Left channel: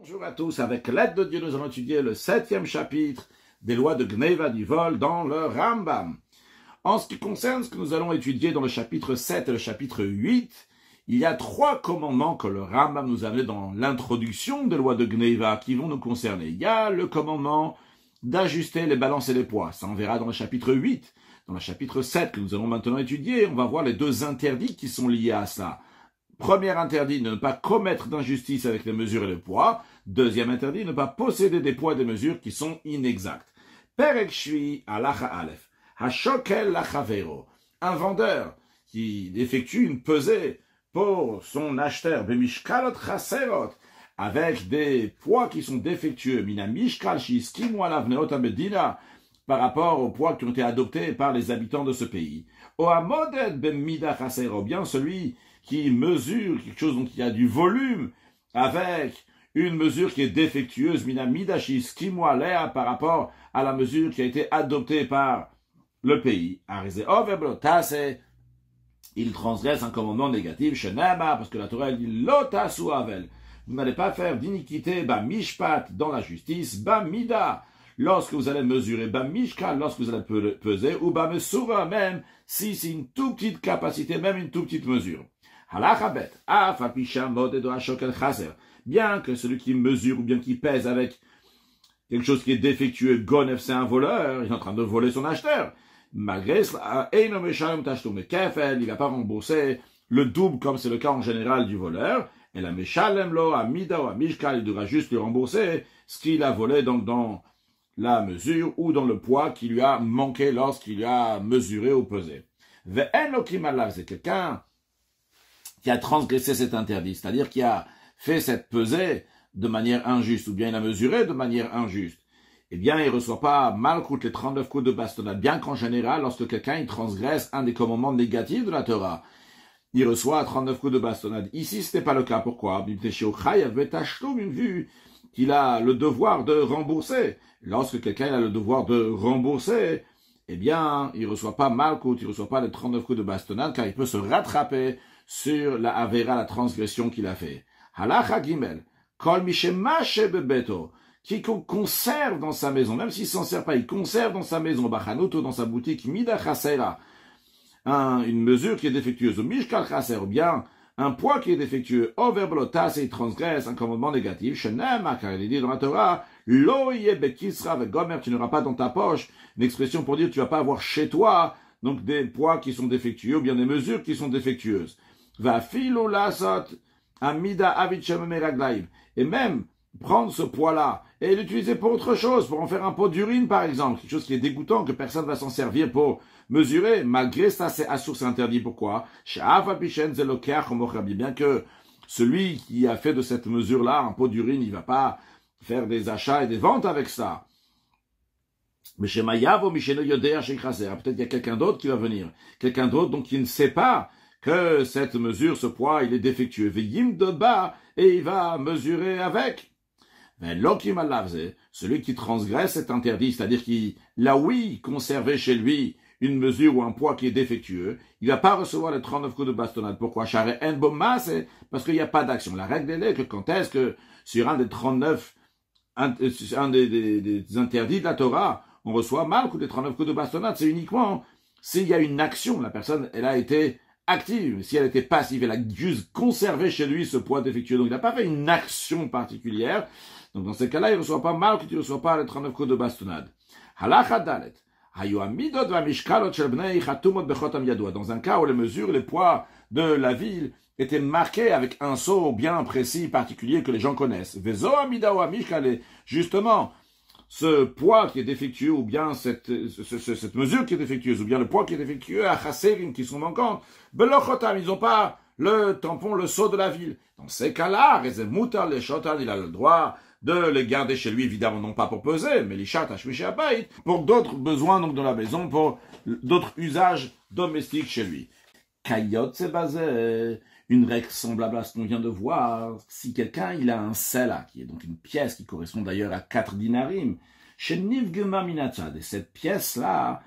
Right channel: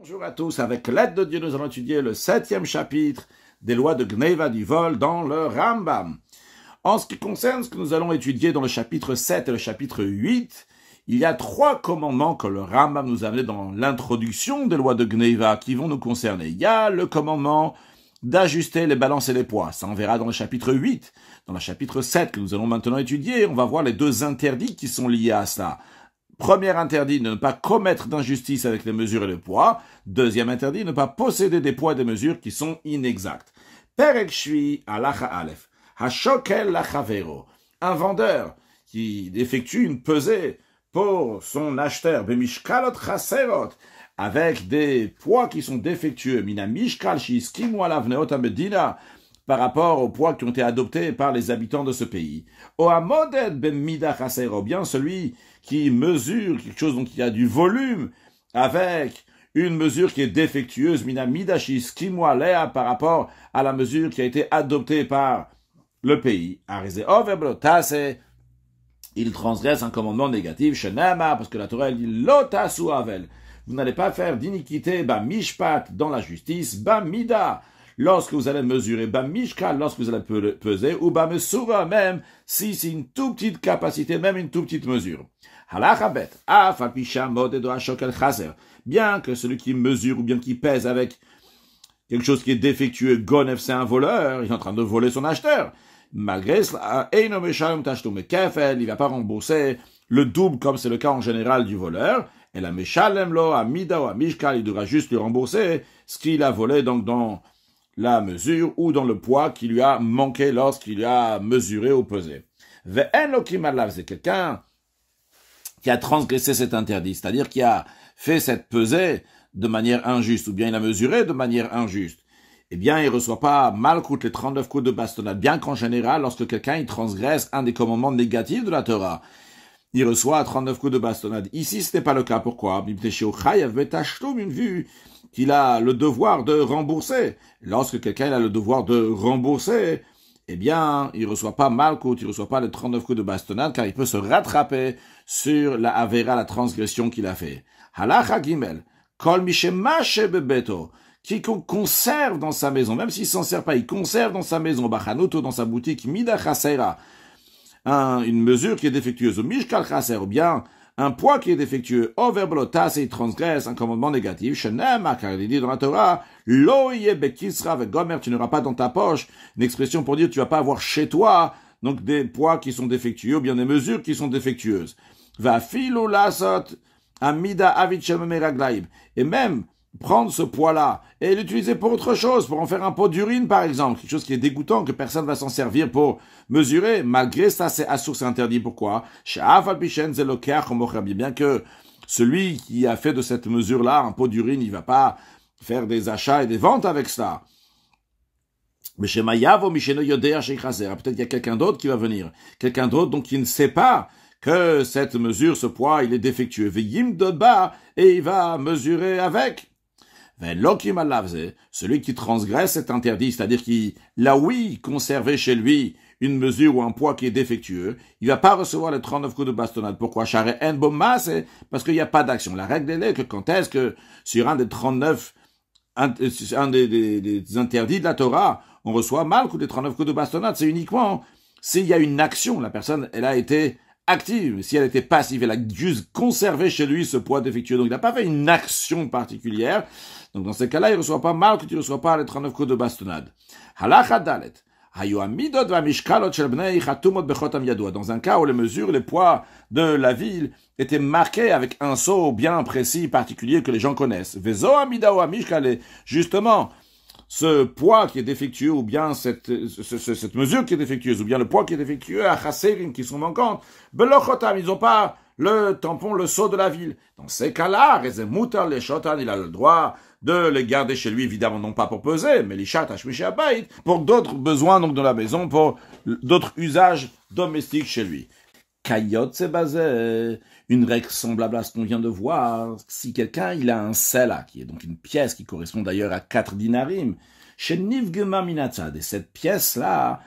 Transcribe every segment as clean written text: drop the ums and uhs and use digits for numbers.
Bonjour à tous, avec l'aide de Dieu, nous allons étudier le 7e chapitre des lois de Gneva du vol dans le Rambam. En ce qui concerne ce que nous allons étudier dans le chapitre 7 et le chapitre 8, il y a 3 commandements que le Rambam nous a amenés dans l'introduction des lois de Gneva qui vont nous concerner. Il y a le commandement d'ajuster les balances et les poids, ça on verra dans le chapitre 8. Dans le chapitre 7 que nous allons maintenant étudier, on va voir les 2 interdits qui sont liés à cela. Premier interdit, ne pas commettre d'injustice avec les mesures et les poids. Deuxième interdit, ne pas posséder des poids et des mesures qui sont inexactes. Perek Shvi alacha alef. Hashokel lachavero. Un vendeur qui effectue une pesée pour son acheteur, bemishkalot chaserot, avec des poids qui sont défectueux, mina mishkal shiskimu alav neot medina, par rapport aux poids qui ont été adoptés par les habitants de ce pays. Ohamoded bemida chasero, bien celui qui mesure quelque chose, donc il y a du volume, avec une mesure qui est défectueuse, mina midashis kimwalea, par rapport à la mesure qui a été adoptée par le pays. Il transgresse un commandement négatif, shenama, parce que la Torah dit lotasu avel. Vous n'allez pas faire d'iniquité, ba mishpat, dans la justice, ba mida, lorsque vous allez mesurer, ba mishkal, lorsque vous allez peser, ou ba mesura, même si c'est une toute petite capacité, même une toute petite mesure. Halachabet, afapisha modedo ashokel chaser. Bien que celui qui mesure ou bien qui pèse avec quelque chose qui est défectueux, gonef, c'est un voleur, il est en train de voler son acheteur. Malgré cela, eino meshalem tashtum kefel, il va pas rembourser le double comme c'est le cas en général du voleur. Et la meshalem lo amida ou amishkal, il devra juste lui rembourser ce qu'il a volé donc dans la mesure ou dans le poids qui lui a manqué lorsqu'il a mesuré ou pesé. Ve'en lo kimalav, c'est quelqu'un qui a transgressé cet interdit, c'est-à-dire qui a fait cette pesée de manière injuste, ou bien il a mesuré de manière injuste, eh bien, il ne reçoit pas malcoute les 39 coups de bastonnade, bien qu'en général, lorsque quelqu'un il transgresse un des commandements négatifs de la Torah, il reçoit 39 coups de bastonnade. Ici, ce n'est pas le cas. Pourquoi? Une vue qu'il a le devoir de rembourser. Lorsque quelqu'un a le devoir de rembourser, eh bien, il ne reçoit pas malcoute, il ne reçoit pas les 39 coups de bastonnade, car il peut se rattraper sur la avera, la transgression qu'il a fait. Halacha Gimel, Kol Mishemache Bebeto, qui conserve dans sa maison, même s'il ne s'en sert pas, il conserve dans sa maison, Bachanuto, dans sa boutique, Mida Chasera, une mesure qui est défectueuse, ou Mishkal Chaser, ou bien un poids qui est défectueux, Overblotas, et il transgresse un commandement négatif, Shenema, car il est dit dans la Torah, Lo Bekisra Vegomer, tu n'auras pas dans ta poche, une expression pour dire tu vas pas avoir chez toi, donc des poids qui sont défectueux, ou bien des mesures qui sont défectueuses. Va filu lasot amida avichem meraglaib. Et même prendre ce poids-là et l'utiliser pour autre chose, pour en faire un pot d'urine par exemple, quelque chose qui est dégoûtant, que personne ne va s'en servir pour mesurer, malgré ça c'est assourd, c'est interdit. Pourquoi? Bien que celui qui a fait de cette mesure-là un pot d'urine, il ne va pas faire des achats et des ventes avec ça. Mais chez Mayavo, Michel Yodéa, chez Chaser, peut-être qu'il y a quelqu'un d'autre qui va venir. Quelqu'un d'autre donc qui ne sait pas que cette mesure, ce poids, il est défectueux. Veyim Dodba, et il va mesurer avec. Celui qui transgresse cet interdit, c'est-à-dire qu'il a oui conservé chez lui une mesure ou un poids qui est défectueux, il ne va pas recevoir les 39 coups de bastonnade. Pourquoi? Parce qu'il n'y a pas d'action. La règle est que quand est-ce que sur un des 39, un des interdits de la Torah, on reçoit mal coup des 39 coups de bastonnade, c'est uniquement s'il y a une action, la personne, elle a été active. Si elle était passive, elle a juste conservé chez lui ce poids défectueux. Donc, il n'a pas fait une action particulière. Donc, dans ces cas-là, il ne reçoit pas mal que tu ne reçois pas les 39 coups de bastonnade. Halacha dalet. Dans un cas où les mesures, les poids de la ville étaient marqués avec un sceau bien précis, particulier, que les gens connaissent. Justement, ce poids qui est défectueux, ou bien cette mesure qui est défectueuse, ou bien le poids qui est défectueux, à chasserim, qui sont manquantes, ils n'ont pas le tampon, le sceau de la ville. Dans ces cas-là, il a le droit de les garder chez lui, évidemment, non pas pour peser, mais pour d'autres besoins donc de la maison, pour d'autres usages domestiques chez lui. Kayot, c'est basé, une règle semblable à ce qu'on vient de voir. Si quelqu'un, il a un sela, qui est donc une pièce qui correspond d'ailleurs à 4 dinarim, chez Nivgema Minatzad, et cette pièce-là,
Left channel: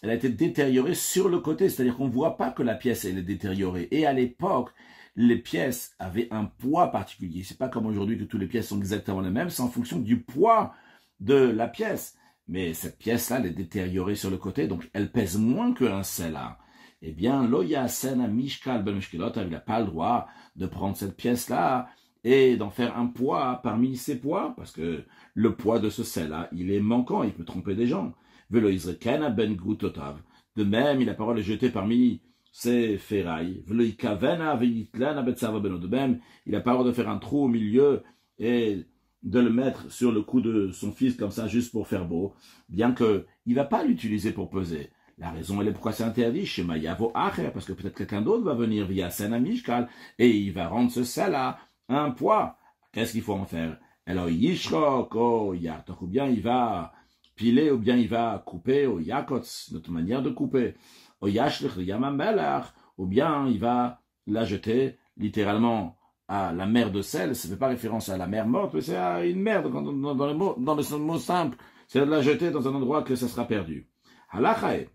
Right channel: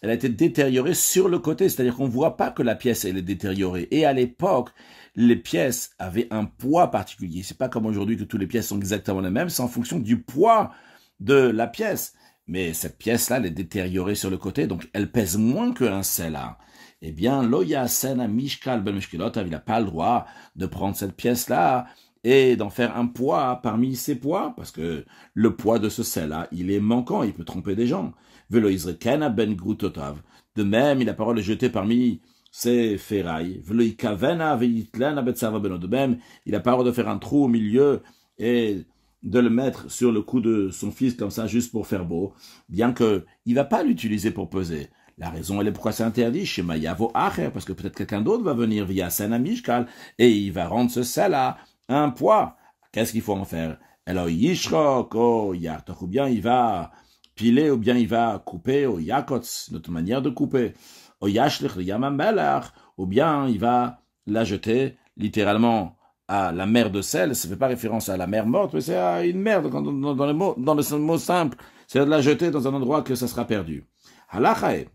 elle a été détériorée sur le côté, c'est-à-dire qu'on ne voit pas que la pièce, elle est détériorée. Et à l'époque, les pièces avaient un poids particulier. C'est pas comme aujourd'hui que toutes les pièces sont exactement les mêmes, c'est en fonction du poids de la pièce. Mais cette pièce-là, elle est détériorée sur le côté, donc elle pèse moins qu'un sela. Eh bien, loya sena mishkal ben mishkilot, il n'a pas le droit de prendre cette pièce-là et d'en faire un poids parmi ses poids, parce que le poids de ce sel-là, il est manquant, il peut tromper des gens. Velo izrekena ben grutotav. De même, il a parole de jeter parmi ses ferrailles. Velo ikavena veitlana betsava beno. De même, il a parole de faire un trou au milieu et de le mettre sur le cou de son fils comme ça, juste pour faire beau, bien que il va pas l'utiliser pour peser. La raison, elle est pourquoi c'est interdit chez Mayavo Acher, parce que peut-être quelqu'un d'autre va venir via Sena Mishkal et il va rendre ce sel-là un poids. Qu'est-ce qu'il faut en faire? Alors, Yishrok, ou bien il va piler, ou bien il va couper, ou Yakots, notre manière de couper, ou Yashlich, ou bien il va la jeter littéralement à la mer de sel. Ça ne fait pas référence à la mer morte, mais c'est à une mer dans le mot simple. C'est de la jeter dans un endroit que ça sera perdu. Halachae.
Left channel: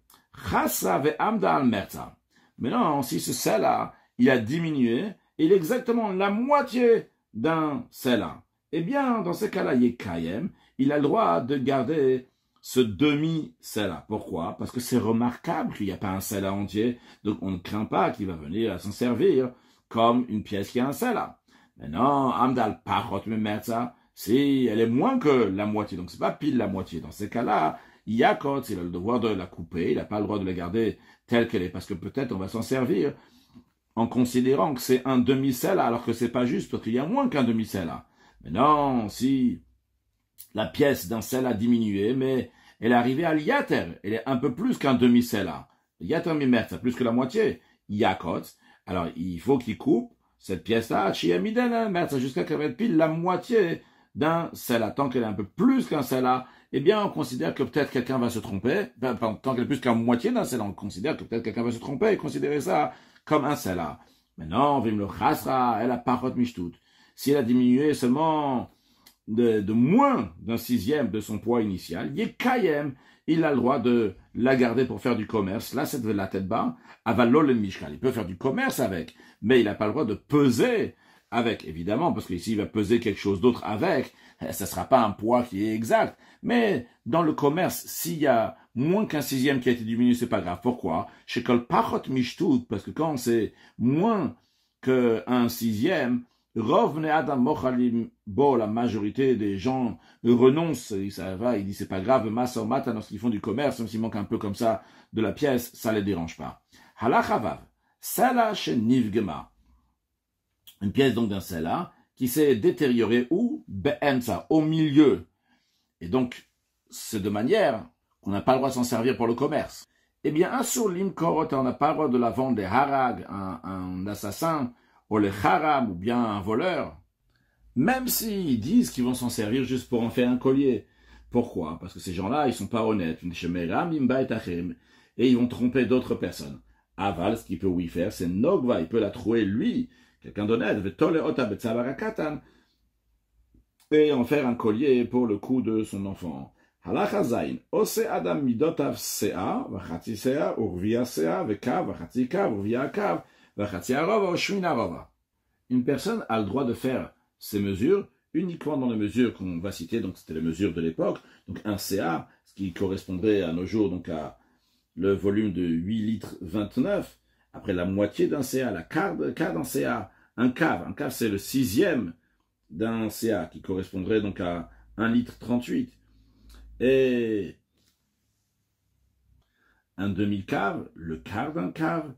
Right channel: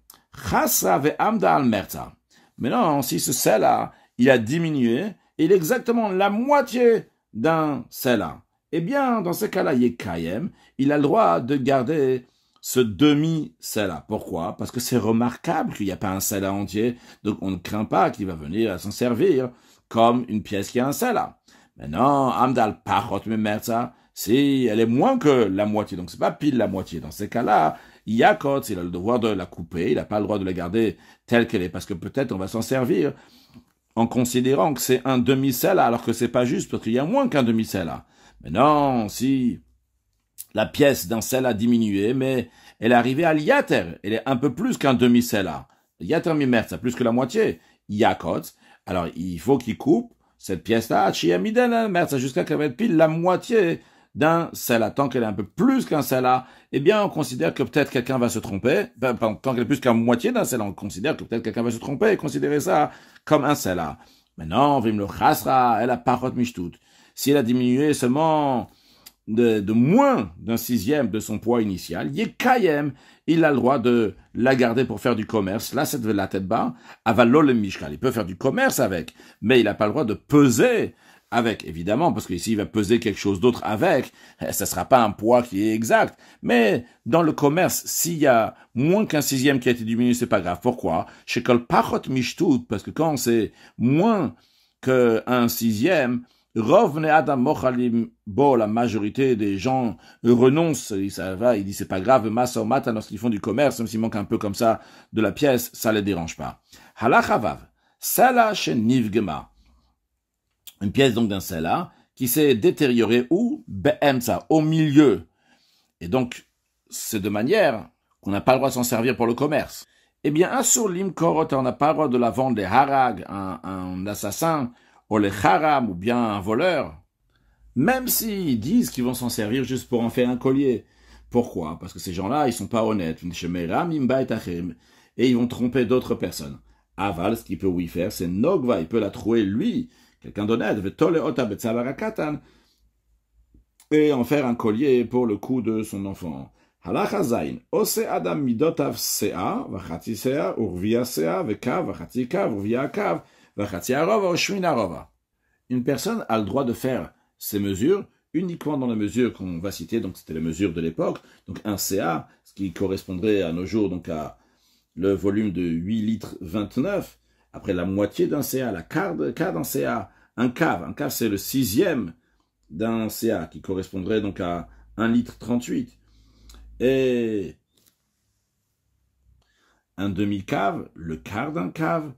Maintenant, si ce sel-là, il a diminué, il est exactement la moitié d'un sel-là, eh bien, dans ce cas-là, il est kayem, il a le droit de garder ce demi-sel-là. Pourquoi? Parce que c'est remarquable qu'il n'y a pas un sel-là entier, donc on ne craint pas qu'il va venir s'en servir comme une pièce qui a un sel-là. Maintenant, amdal pachot memerza, si elle est moins que la moitié, donc c'est pas pile la moitié, dans ces cas-là, Yakot, il a le devoir de la couper, il n'a pas le droit de la garder telle qu'elle est, parce que peut-être on va s'en servir en considérant que c'est un demi-sel, alors que c'est pas juste, parce qu'il y a moins qu'un demi-sel. Mais non, si la pièce d'un sel a diminué, mais elle est arrivée à l'yater, elle est un peu plus qu'un demi-sel. Yater mimer, c'est plus que la moitié. Yakot, alors il faut qu'il coupe cette pièce-là, jusqu'à qu'elle va pile la moitié d'un sel. Tant qu'elle est un peu plus qu'un sel, eh bien, on considère que peut-être quelqu'un va se tromper. Tant qu'elle est plus qu'à moitié d'un sel, on considère que peut-être quelqu'un va se tromper et considérer ça comme un sel. Maintenant, vim le chasra, elle a parot mishtout. Si elle a diminué seulement de moins d'un sixième de son poids initial, il est kayem, il a le droit de la garder pour faire du commerce. Là, c'est de la tête bas. Avalol mishkal. Il peut faire du commerce avec, mais il n'a pas le droit de peser avec, évidemment, parce qu'ici, il va peser quelque chose d'autre avec, ça ne sera pas un poids qui est exact. Mais dans le commerce, s'il y a moins qu'un sixième qui a été diminué, c'est pas grave. Pourquoi? Chez Kol Pachot Mishtout, parce que quand c'est moins qu'un sixième, Rovne Adam Mochalim Bo, la majorité des gens renoncent, ça va, il dit c'est pas grave, Masa Mata, lorsqu'ils font du commerce, même s'il manque un peu comme ça de la pièce, ça les dérange pas. Halachavav, Sala Shen Nivgema. Une pièce donc d'un sel-là qui s'est détériorée où? Be'emsa, au milieu. Et donc, c'est de manière qu'on n'a pas le droit de s'en servir pour le commerce. Eh bien, un surlim korot, on n'a pas le droit de la vendre des harag, un assassin, ou les haram, ou bien un voleur. Même s'ils disent qu'ils vont s'en servir juste pour en faire un collier. Pourquoi? Parce que ces gens-là, ils sont pas honnêtes. Et ils vont tromper d'autres personnes. Aval, ce qu'il peut oui faire, c'est Nogva, il peut la trouver lui, quelqu'un d'honnête, et en faire un collier pour le cou de son enfant. Halachazain, ose adam midotav sea, vachati sea, urvia sea, vekav, vachati kav, urvia kav, vachati arova, oshmin arova. Une personne a le droit de faire ces mesures uniquement dans les mesures qu'on va citer, donc c'était les mesures de l'époque, donc un CA, ce qui correspondrait à nos jours donc à le volume de 8 litres 29, après la moitié d'un CA, la quart d'un CA, un cave c'est le sixième d'un CA qui correspondrait donc à 1 litre 38. Et un demi-cave, le quart d'un cave,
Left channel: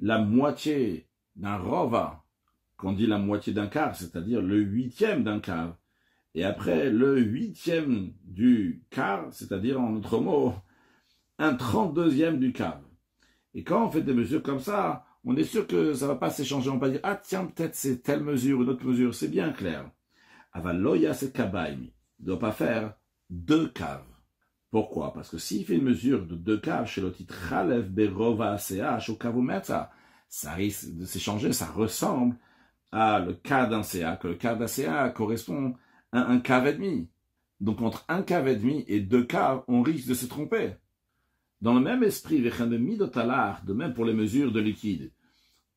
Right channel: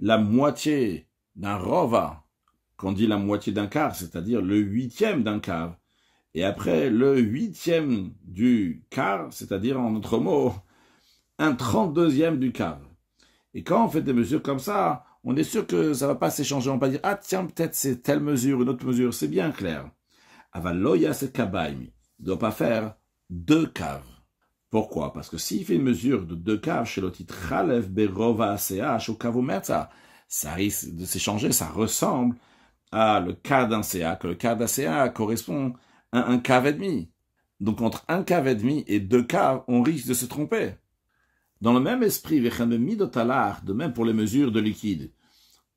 la moitié d'un rova, qu'on dit la moitié d'un quart, c'est-à-dire le huitième d'un cave. Et après, le huitième du quart, c'est-à-dire en d'autres mots, un 32e du cave. Et quand on fait des mesures comme ça, on est sûr que ça ne va pas s'échanger. On va pas dire, ah tiens, peut-être c'est telle mesure, une autre mesure. C'est bien clair. Avaloya c'est kabaimi. Il ne doit pas faire 2 caves. Pourquoi? Parce que s'il fait une mesure de 2 caves chez l'autre Chalev Berova ACH au Kavometsa, ça risque de s'échanger, ça ressemble à le quart d'un CA, que le quart d'un CA correspond à un cave et demi. Donc entre un cave et demi et 2 caves, on risque de se tromper. Dans le même esprit, de même pour les mesures de liquide,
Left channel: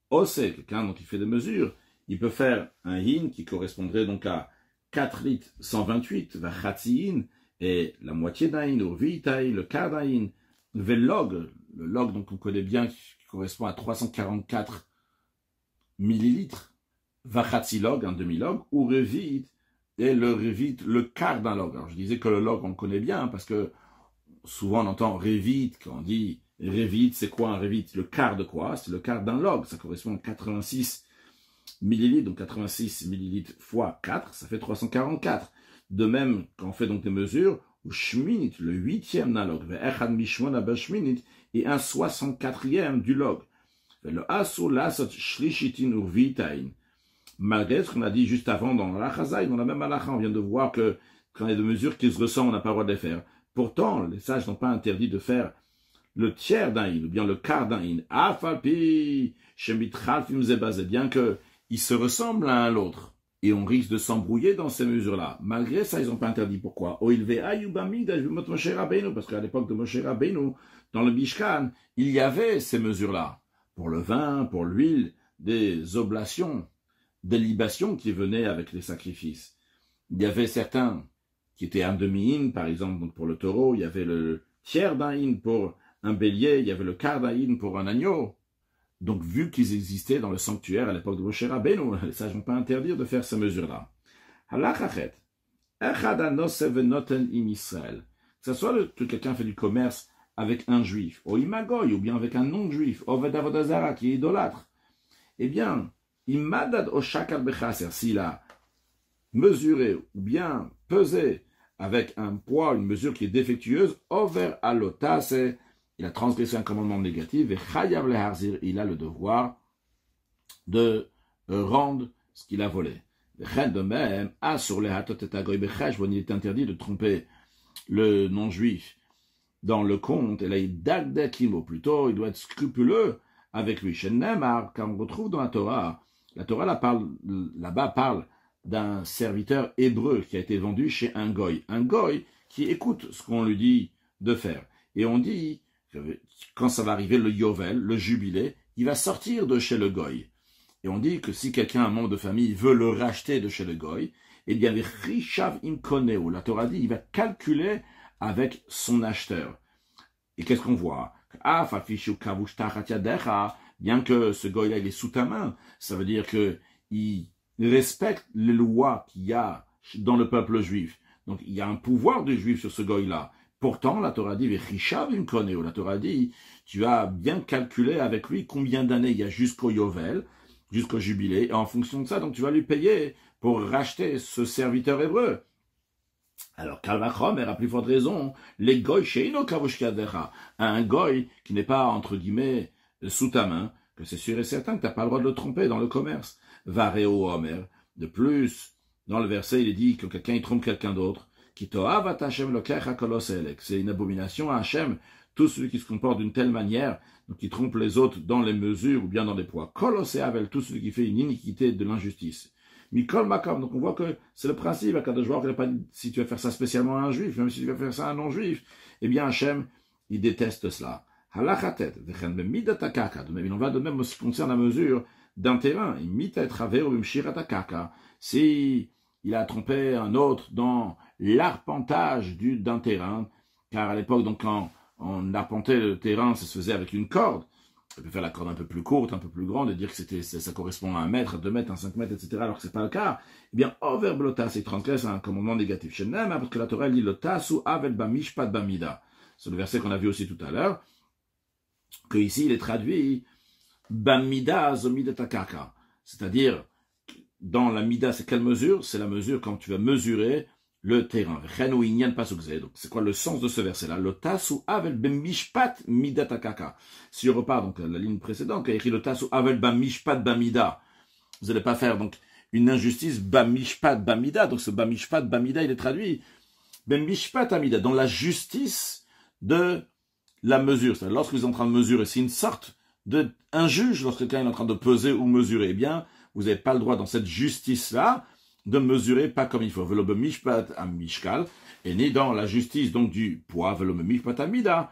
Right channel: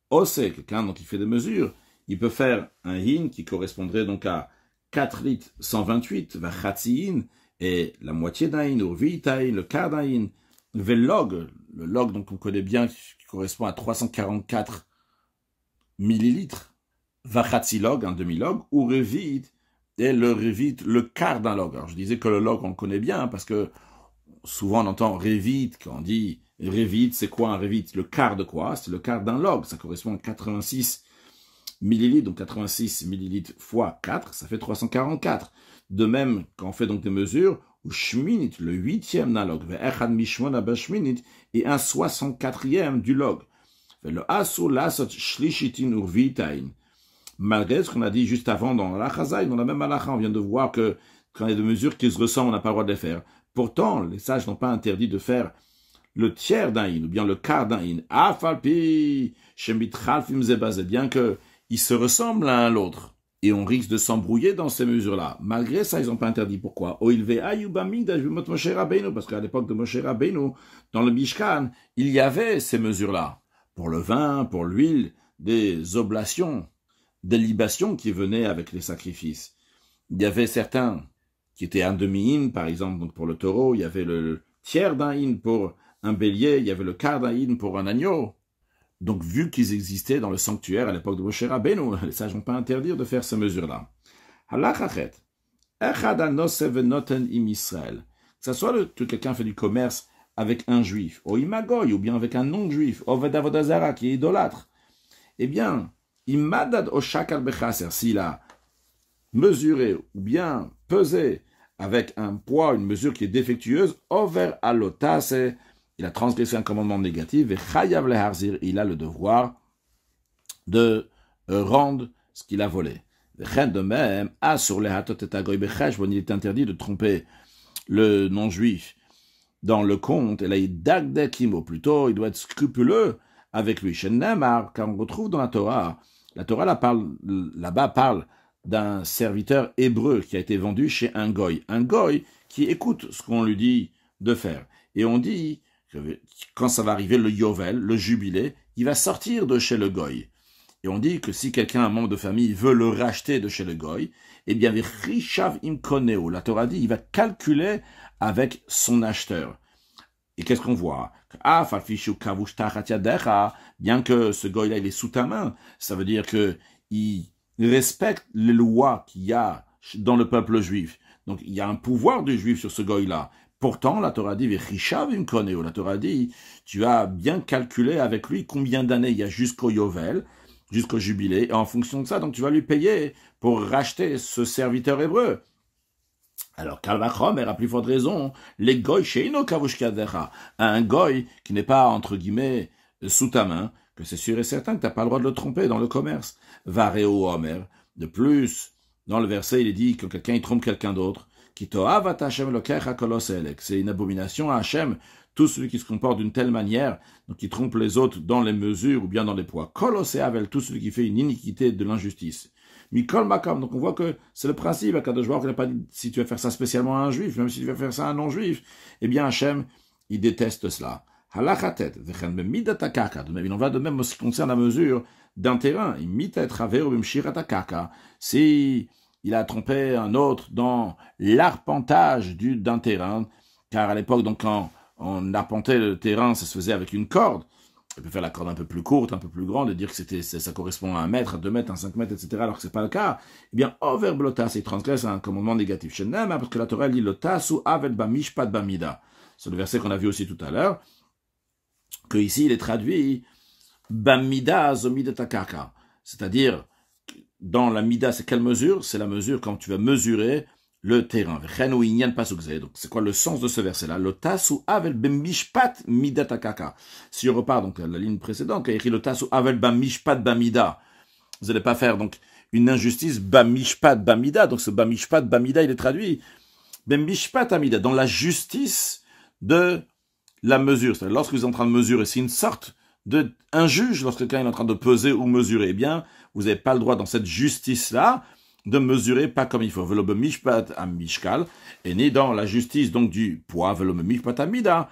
Osé, quelqu'un donc qui fait des mesures, il peut faire un hin qui correspondrait donc à 4 litres 128, vachatziin, et la moitié d'un hin, ou vitaï, le quart d'un hin, velog, le log donc on connaît bien qui correspond à 344 millilitres, vachatzi-log, un demi-log, ou revit, et le revit, le quart d'un log. Alors je disais que le log on le connaît bien parce que souvent on entend revit, quand on dit revit, c'est quoi un revit? Le quart de quoi? C'est le quart d'un log, ça correspond à 86 millilitres, donc 86 millilitres fois 4, ça fait 344. De même, quand on fait donc des mesures, ou shminit, le huitième d'un log, et un 64e du log. Le asu lasot shlishitin urvitain. Malgré ce qu'on a dit juste avant dans la chazaï, dans la même halakha, on vient de voir que quand il y a des mesures qui se ressemblent, on n'a pas le droit de les faire. Pourtant, les sages n'ont pas interdit de faire le tiers d'un hin, ou bien le quart d'un hin. Afalpi, shemitchalfim zebazé, bien qu'ils se ressemblent l'un à l'autre. Et on risque de s'embrouiller dans ces mesures-là. Malgré ça, ils n'ont pas interdit. Pourquoi? Parce qu'à l'époque de Moshe Rabbeinu, dans le Mishkan, il y avait ces mesures-là. Pour le vin, pour l'huile, des oblations, des libations qui venaient avec les sacrifices. Il y avait certains qui étaient un demi-hin, par exemple, donc pour le taureau. Il y avait le tiers d'un hin pour un bélier. Il y avait le quart d'un hin pour un agneau. Donc, vu qu'ils existaient dans le sanctuaire à l'époque de Moshe Rabbeinu, les sages n'ont pas interdit de faire ces mesures-là. Halachachet. Que ce soit que quelqu'un fait du commerce avec un juif, ou imagoy, ou bien avec un non-juif, oved avodazara, qui est idolâtre, eh bien, imadad o shakal bechaser, s'il a mesuré ou bien pesé avec un poids, une mesure qui est défectueuse, over alotase, il a transgressé un commandement négatif, et chayav leharzir, il a le devoir de rendre ce qu'il a volé. De même, sur les hatot et agoy bechesh, il est interdit de tromper le non-juif dans le compte, et là, il dagde kimo, plutôt, il doit être scrupuleux avec lui. Chez Nemar, quand on retrouve dans la Torah là-bas parle d'un serviteur hébreu qui a été vendu chez un goy qui écoute ce qu'on lui dit de faire. Et on dit, quand ça va arriver le Yovel, le jubilé, il va sortir de chez le goy. Et on dit que si quelqu'un, un membre de famille, veut le racheter de chez le goy, eh bien, la Torah dit, il va calculer avec son acheteur. Et qu'est-ce qu'on voit? Bien que ce goy-là, il est sous ta main, ça veut dire qu'il respecte les lois qu'il y a dans le peuple juif. Donc, il y a un pouvoir du juif sur ce goy-là. Pourtant, la Torah dit, la Torah dit, tu as bien calculé avec lui combien d'années il y a jusqu'au Yovel, jusqu'au jubilé, et en fonction de ça, donc tu vas lui payer pour racheter ce serviteur hébreu. Alors, Kalvachomer a plus forte raison, les goy sheino kavushkadecha, un goy qui n'est pas, entre guillemets, sous ta main, que c'est sûr et certain que tu n'as pas le droit de le tromper dans le commerce. Vareo Omer. De plus, dans le verset, il est dit que quelqu'un il trompe quelqu'un d'autre. C'est une abomination à Hachem, tout celui qui se comporte d'une telle manière, donc qui trompe les autres dans les mesures ou bien dans les poids. Koloseavel, tout celui qui fait une iniquité de l'injustice. Mikol Makam, donc on voit que c'est le principe, à Kadosh Baruch Hu, il n'a pas dit si tu vas faire ça spécialement à un juif, même si tu vas faire ça à un non-juif, eh bien Hachem, il déteste cela. Halachatet, vechen bemidatakaka, il en va de même en ce qui concerne la mesure d'un terrain. Si il a trompé un autre dans l'arpentage d'un terrain, car à l'époque, donc, quand on arpentait le terrain, ça se faisait avec une corde. On peut faire la corde un peu plus courte, un peu plus grande, et dire que ça correspond à 1 mètre, à 2 mètres, à 5 mètres, etc., alors que ce n'est pas le cas. Eh bien, over blotas, il transgresse un commandement négatif. Chez Nema, parce que la Torah dit, lotasu avel bamishpat bamida. C'est le verset qu'on a vu aussi tout à l'heure, que ici, il est traduit bamida zomidatakaka. C'est-à-dire, dans la mida, c'est quelle mesure? C'est la mesure quand tu vas mesurer le terrain. Donc, c'est quoi le sens de ce verset-là? Le tasu avel bemishpat midatakaka. Si je repars donc à la ligne précédente, qui a écrit le tasu avel bamishpat bamida, vous n'allez pas faire donc une injustice bamishpat bamida. Donc ce bamishpat bamida, il est traduit bemishpat amida, dans la justice de la mesure. C'est-à-dire, lorsque vous êtes en train de mesurer, c'est une sorte un juge, lorsque quelqu'un est en train de peser ou mesurer, eh bien, vous n'avez pas le droit dans cette justice-là de mesurer pas comme il faut. Velo bemishpat amishkal, et ni dans la justice donc du poids, velo bemishpat amida,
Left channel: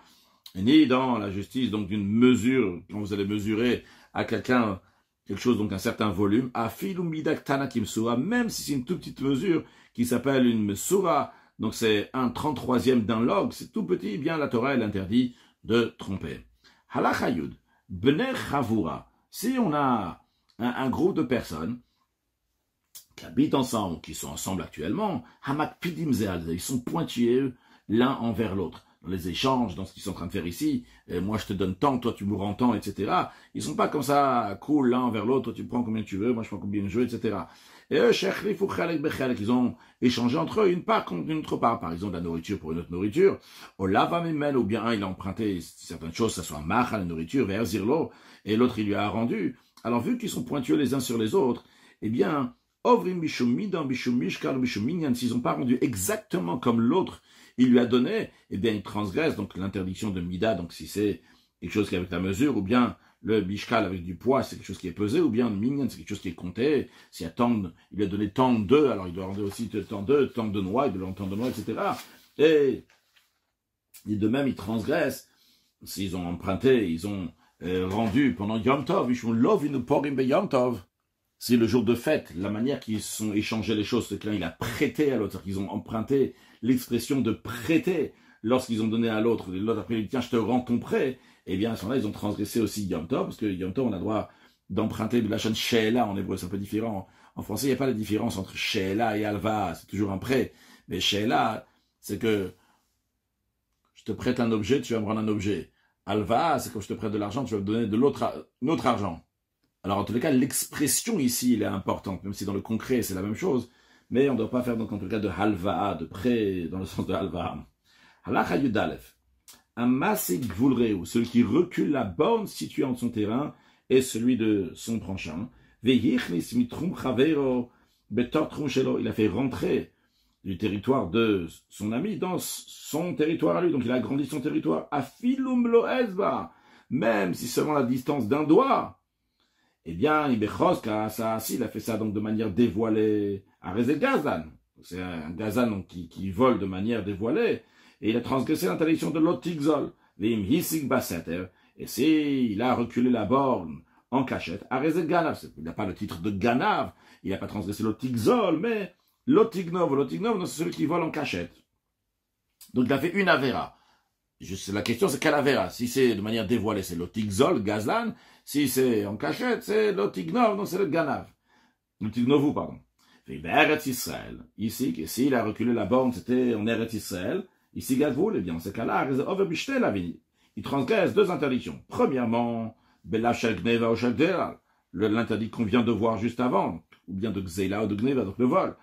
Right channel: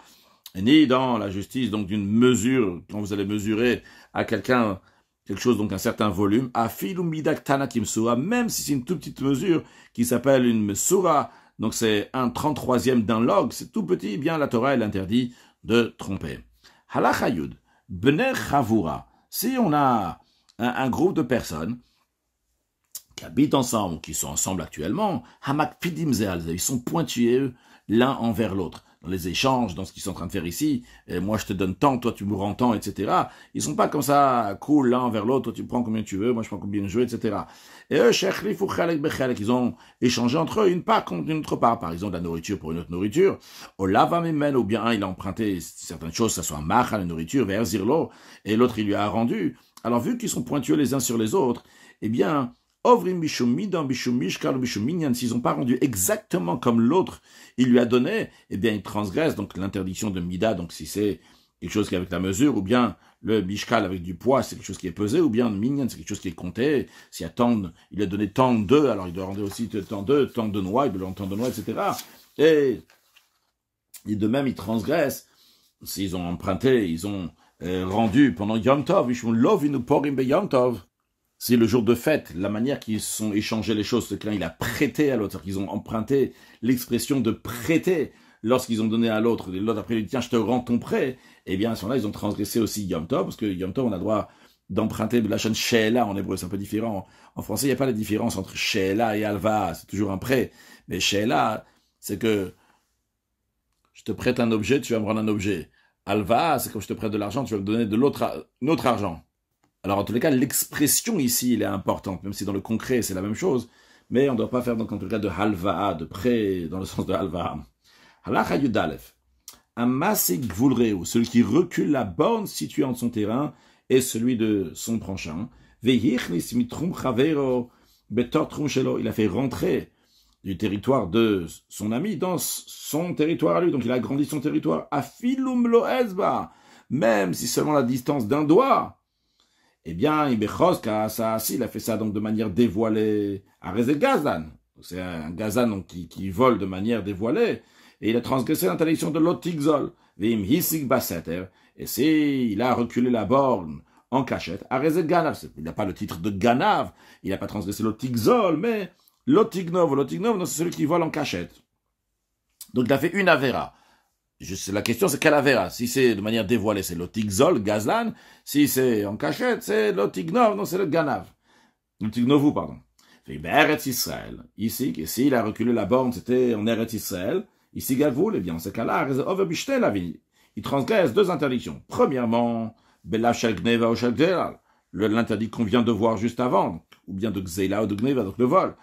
et ni dans la justice donc d'une mesure, quand vous allez mesurer à quelqu'un quelque chose, donc un certain volume, afilu midak tanakim sura, même si c'est une toute petite mesure qui s'appelle une sura, donc c'est un 33e d'un log, c'est tout petit, eh bien la Torah, elle interdit de tromper. Halacha yud, bnei chavura, si on a un groupe de personnes qui habitent ensemble, qui sont ensemble actuellement, hamak pidim ze'al, ils sont pointilleux l'un envers l'autre. Dans les échanges, dans ce qu'ils sont en train de faire ici, et moi je te donne tant, toi tu me rends tant, etc. Ils sont pas comme ça, cool l'un envers l'autre, toi tu prends combien tu veux, moi je prends combien je veux, etc. Et eux, ils ont échangé entre eux une part contre une autre part, par exemple la nourriture pour une autre nourriture. Au lavamen, ou bien un il a emprunté certaines choses, ça soit macha, la nourriture, vers zirlo, et l'autre il lui a rendu. Alors vu qu'ils sont pointueux les uns sur les autres, eh bien, ovrim bishum midam bishum mishkal bishum minyan, s'ils n'ont pas rendu exactement comme l'autre il lui a donné, eh bien il transgresse donc l'interdiction de mida, donc si c'est quelque chose qui est avec la mesure, ou bien le bishkal avec du poids, c'est quelque chose qui est pesé, ou bien le minyan, c'est quelque chose qui est compté, s'il y a tant, il a donné tant d'œufs, alors il doit rendre aussi tant de noix, il doit rendre tant de noix, etc. Et de même, ils transgressent, s'ils ont emprunté, ils ont rendu pendant Yom Tov, Yom Tov. Si le jour de fête, la manière qu'ils sont échangés les choses, c'est que l'un il a prêté à l'autre, qu'ils ont emprunté l'expression de prêter lorsqu'ils ont donné à l'autre, et l'autre après il dit tiens je te rends ton prêt, eh bien à ce moment-là ils ont transgressé aussi Yom Tov, parce que Yom Tov on a le droit d'emprunter de la chaîne She'ela en hébreu, c'est un peu différent. En français il n'y a pas la différence entre She'ela et Alva, c'est toujours un prêt, mais She'ela c'est que je te prête un objet, tu vas me rendre un objet. Alva c'est comme je te prête de l'argent, tu vas me donner de l'autre argent. Alors, en tous les cas, l'expression ici, elle est importante, même si dans le concret, c'est la même chose, mais on ne doit pas faire, donc, en tout cas, de halva'a, de prêt, dans le sens de halva'a. Halacha yudalef. Amasik gvulreu, celui qui recule la borne située entre son terrain et celui de son prochain. Veyichnis mitrum chavero betor trum shelo. Il a fait rentrer du territoire de son ami dans son territoire à lui, donc il a agrandi son territoire. Afilum lo ezba, même si seulement la distance d'un doigt. Eh bien, il a fait ça donc de manière dévoilée à Rezé Gazan. C'est un Gazan donc, qui vole de manière dévoilée. Et il a transgressé l'interdiction de l'Otigzol. Et il a reculé la borne en cachette à Rezé Ganav. Il n'a pas le titre de Ganav. Il n'a pas transgressé l'Otigzol, mais l'Otignov. L'Otignov, c'est celui qui vole en cachette. Donc il a fait une Avera. La question c'est quelle Avera? Si c'est de manière dévoilée, c'est l'Otigzol, Gazlan. Si c'est en cachette, c'est l'Otignov, non, c'est le Ganav. L'Otignovu, pardon. Et Eretz Israël. Ici, s'il a reculé la borne, c'était en Eretz Israël. Ici, Gavoul, eh bien, en ce cas-là, il transgresse deux interdictions. Premièrement, Belachel Gneva ou Shel Gzela, l'interdit qu'on vient de voir juste avant, ou bien de Gzela ou de Gneva, donc le vol.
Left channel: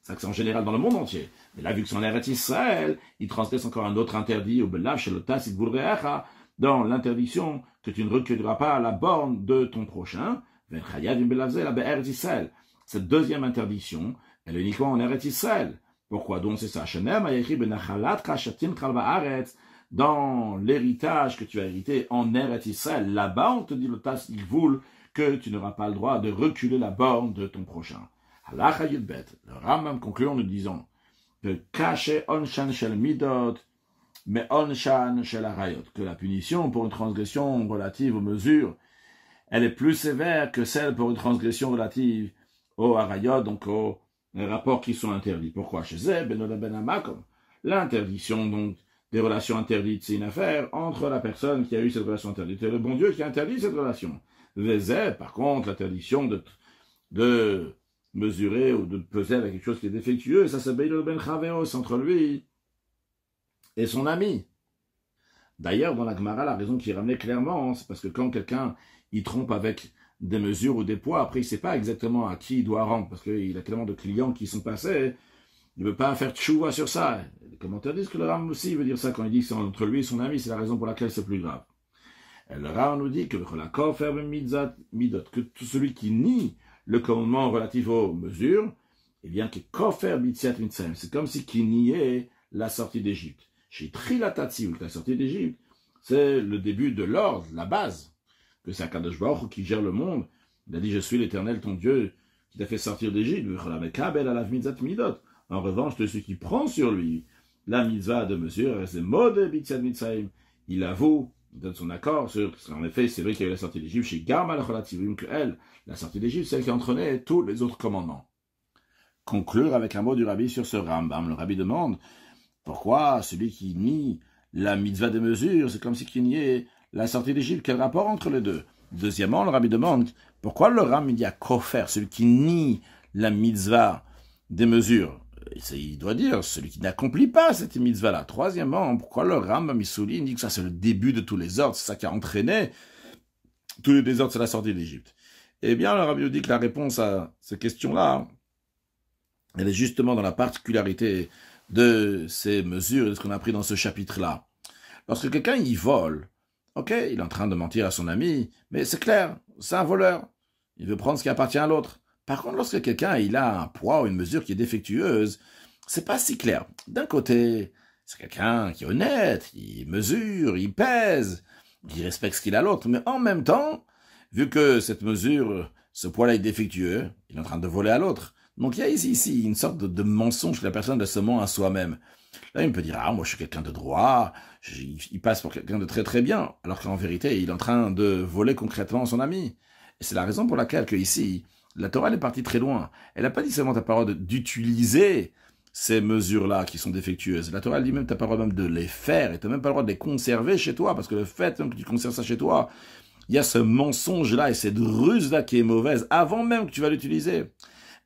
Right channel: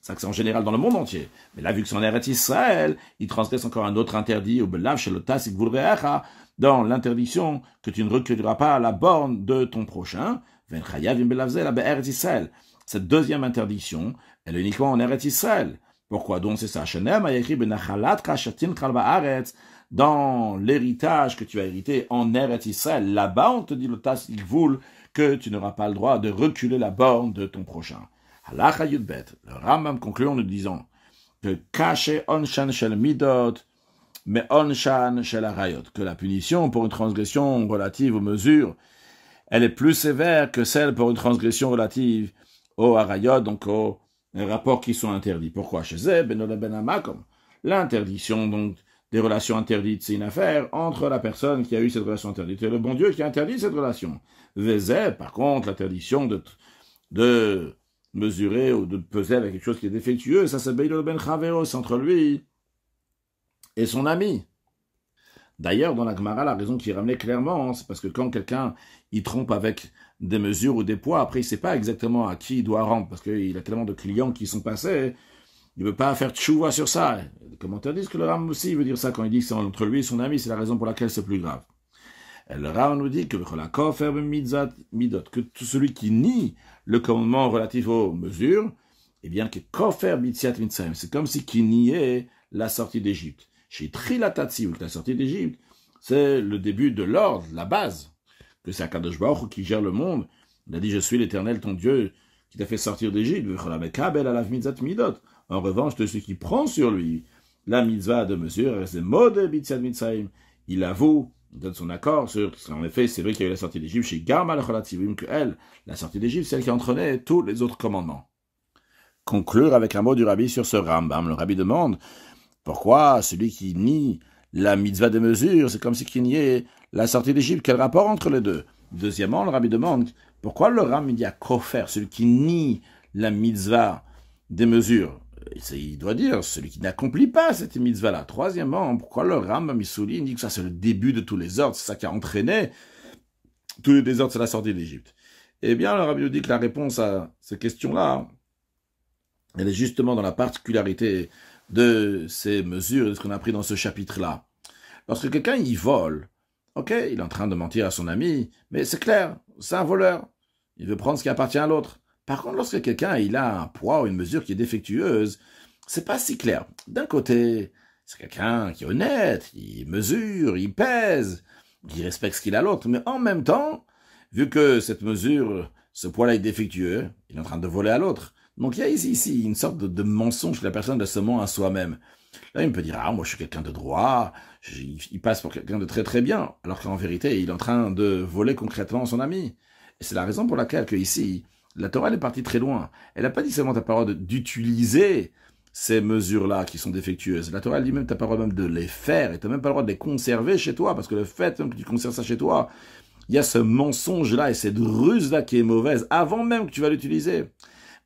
Ça, c'est en général dans le monde entier. Mais là, vu que c'est en Eretz Israël, il transgresse encore un autre interdit, au Belachel Otasik Vulreacha, dans l'interdiction que tu ne reculeras pas à la borne de ton prochain. Cette deuxième interdiction, elle est uniquement en Eretz Israël. Pourquoi donc c'est ça? Dans l'héritage que tu as hérité en Eretz Israël, là-bas on te dit que tu n'auras pas le droit de reculer la borne de ton prochain. Le Rambam conclut en nous disant que caché onshan shel midot, mais onshan shel harayot, que la punition pour une transgression relative aux mesures, elle est plus sévère que celle pour une transgression relative aux harayot, donc aux rapports qui sont interdits. Pourquoi? Chez Zeb, l'interdiction donc des relations interdites, c'est une affaire entre la personne qui a eu cette relation interdite et le bon Dieu qui a interdit cette relation. Vezeb, par contre, l'interdiction de mesurer ou de peser avec quelque chose qui est défectueux, ça c'est Beilo ben Chaveros, entre lui et son ami. D'ailleurs, dans la Gemara, la raison qui est ramenée clairement, c'est parce que quand quelqu'un il trompe avec des mesures ou des poids, après il ne sait pas exactement à qui il doit rendre, parce qu'il a tellement de clients qui sont passés, il ne veut pas faire tchouva sur ça. Les commentaires disent que le Ram aussi veut dire ça quand il dit que c'est entre lui et son ami, c'est la raison pour laquelle c'est plus grave. Et le Ram nous dit que tout celui qui nie le commandement relatif aux mesures, eh bien que kofer mitziat mitzrayim, c'est comme si qui niait la sortie d'Égypte. Chez Trilatatsi, ou la sortie d'Égypte, c'est le début de l'ordre, la base, que c'est Akadosh Baruch Hu qui gère le monde. Il a dit, je suis l'Éternel, ton Dieu, qui t'a fait sortir d'Égypte. En revanche, de celui qui prend sur lui la mitzvah de mesure, il avoue Il donne son accord sur, en effet, c'est vrai qu'il y a eu la sortie d'Égypte chez Garma al-Kholativim, que elle, la sortie d'Égypte, c'est elle qui entraînait tous les autres commandements. Conclure avec un mot du rabbi sur ce Rambam. Le rabbi demande pourquoi celui qui nie la mitzvah des mesures, c'est comme si il niait la sortie d'Égypte. Quel rapport entre les deux? Deuxièmement, le rabbi demande pourquoi le Ram dit à Kofer, celui qui nie la mitzvah des mesures. Il doit dire celui qui n'accomplit pas cette mitzvah-là. Troisièmement, pourquoi le Rambam il dit que ça c'est le début de tous les ordres, c'est ça qui a entraîné tous les désordres, c'est la sortie d'Égypte. Eh bien, le rabbi nous dit que la réponse à ces questions-là, elle est justement dans la particularité de ces mesures et de ce qu'on a appris dans ce chapitre-là. Lorsque quelqu'un y vole, ok, il est en train de mentir à son ami, mais c'est clair, c'est un voleur. Il veut prendre ce qui appartient à l'autre. Par contre, lorsque quelqu'un il a un poids ou une mesure qui est défectueuse, c'est pas si clair. D'un côté, c'est quelqu'un qui est honnête, il mesure, il pèse, il respecte ce qu'il a à l'autre, mais en même temps, vu que cette mesure, ce poids-là est défectueux, il est en train de voler à l'autre. Donc il y a ici une sorte de mensonge que la personne se ment à soi-même. Là, il peut dire, ah, moi je suis quelqu'un de droit, il passe pour quelqu'un de très très bien, alors qu'en vérité, il est en train de voler concrètement son ami. Et c'est la raison pour laquelle que ici, la Torah elle est partie très loin. Elle n'a pas dit seulement ta parole d'utiliser ces mesures-là qui sont défectueuses. La Torah elle dit même ta parole même de les faire, et tu n'as même pas le droit de les conserver chez toi, parce que le fait même que tu conserves ça chez toi, il y a ce mensonge-là et cette ruse-là qui est mauvaise, avant même que tu vas l'utiliser.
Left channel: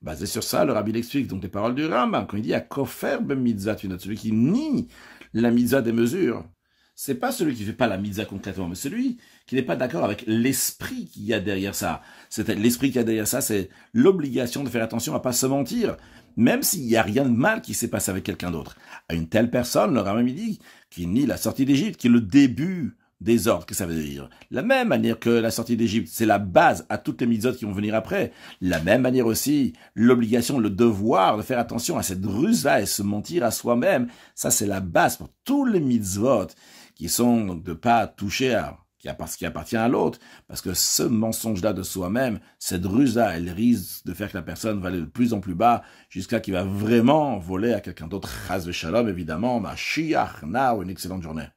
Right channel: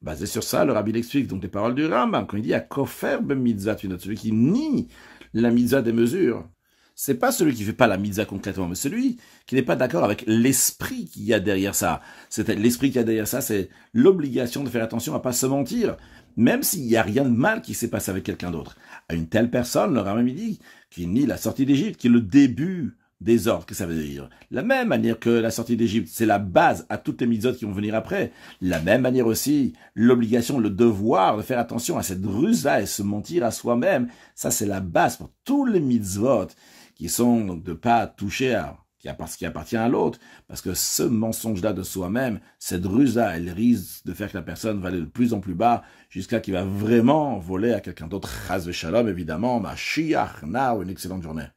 Basé sur ça, le rabbi l'explique donc les paroles du Rambam, quand il dit à Kofer ben mitzvah, celui qui nie la mitzvah des mesures. C'est pas celui qui ne fait pas la mitzvah concrètement, mais celui qui n'est pas d'accord avec l'esprit qu'il y a derrière ça. L'esprit qu'il y a derrière ça, c'est l'obligation de faire attention à pas se mentir, même s'il n'y a rien de mal qui s'est passé avec quelqu'un d'autre. À une telle personne, le Rambam dit, qui nie la sortie d'Égypte, qui est le début des ordres, que ça veut dire. La même manière que la sortie d'Égypte, c'est la base à toutes les mitzvot qui vont venir après. La même manière aussi, l'obligation, le devoir de faire attention à cette ruse-là et se mentir à soi-même, ça c'est la base pour tous les mitzvot qui sont donc de pas toucher à ce qui appartient à l'autre, parce que ce mensonge-là de soi-même, cette ruse-là, elle risque de faire que la personne va aller de plus en plus bas, jusqu'à qu'il va vraiment voler à quelqu'un d'autre. Chas v'shalom, évidemment, Mashiach, now, une excellente journée.